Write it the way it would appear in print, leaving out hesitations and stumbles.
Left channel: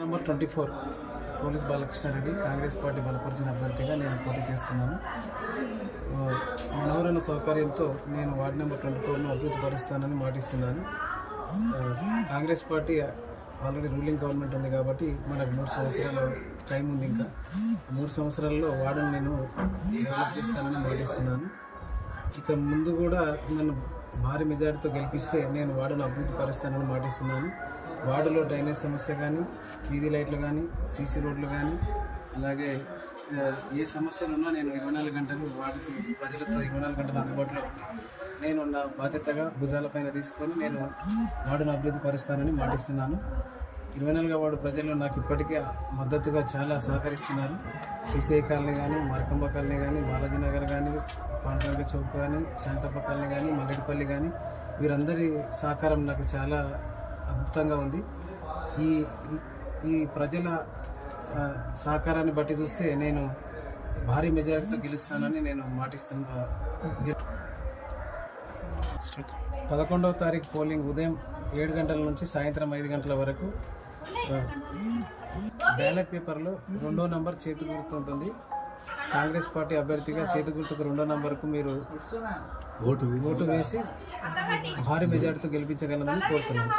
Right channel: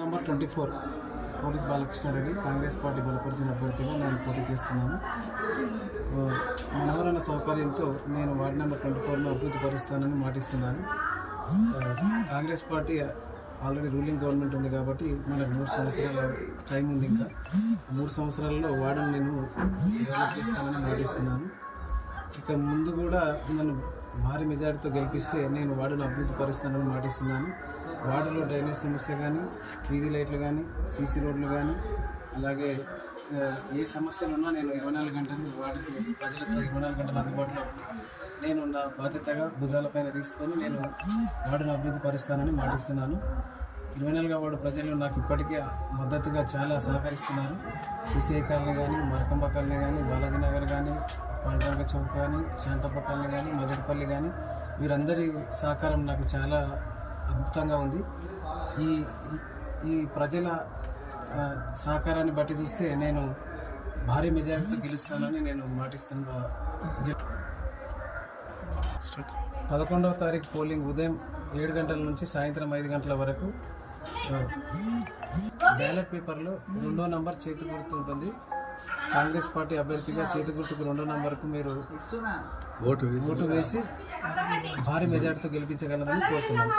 Number 24 police Balakrishna Reddy Congress party బలపరిచిన అభ్యర్థిగా నేను పోటీ చేస్తున్నాను. మనవరణ సౌకర్యంతో నేను వార్డు నెంబర్ 24ను అభివృద్ధి పరుస్తానని మాటిస్తున్నాను. Congress party already ruling government ఉంది కాబట్టి మనకు 3 సంవత్సరాల టైం ఉంది. ఇంకా 3 సంవత్సరాల్లో వార్డును నేను డెవలప్ చేస్తానని మాటిస్తున్నాను. ఇక ముందు కూడా నన్ను భారీ మెజార్టీతో గెలిపిస్తే నేను వార్డును అభివృద్ధి పరుస్తానని మాటిస్తున్నాను. వార్డులో డ్రైనేజ్ సమస్య కానీ, వీధి లైట్లు కానీ, సీసీ రోడ్లు కానీ, అలాగే ఏ సమస్యలు ఉన్నా నేను 24 గంటలు వార్డుకి ప్రజలతో 24 గంటలు అందుబాటులో ఉండి నేను నా బాధ్యతగా భుజాలపైన తీసుకొని నేను వార్డును అభివృద్ధి పరుస్తానని మాటిస్తున్నాను. 24వ వార్డు ప్రజలు నాకు ఇప్పటికే మద్దతుగా చాలా సహకరిస్తున్నారు. సిసిఐ కాలనీ కానీ, మరకంబ కాలనీ కానీ, బాలాజీ నగర్ కానీ, పాండవగ చౌక్ కానీ, శాంతప్ప కాలనీ కానీ, మల్లెడిపల్లి కానీ, వీరందరి సహకారం నాకు చాలా అద్భుతంగా ఉంది. ఈ ప్రజల సహకారాన్ని బట్టి చూస్తే నేను భారీ మెజారిటీతో గెలుస్తానని నేను మాటిస్తున్నా. 11వ తారీఖు పోలింగ్ ఉదయం 7 గంటల నుంచి సాయంత్రం 5 గంటల వరకు. బ్యాలెట్ పేపర్లో 2వ నంబర్ చేతి గుర్తు ఉంటుంది. కాంగ్రెస్ పార్టీ అభ్యర్థిగా చేతి గుర్తుకు 2వ నంబర్కు మీరు ఓటు వేసి భారీ మెజారిటీతో గెలిపించగలమని కోరుతున్నాను.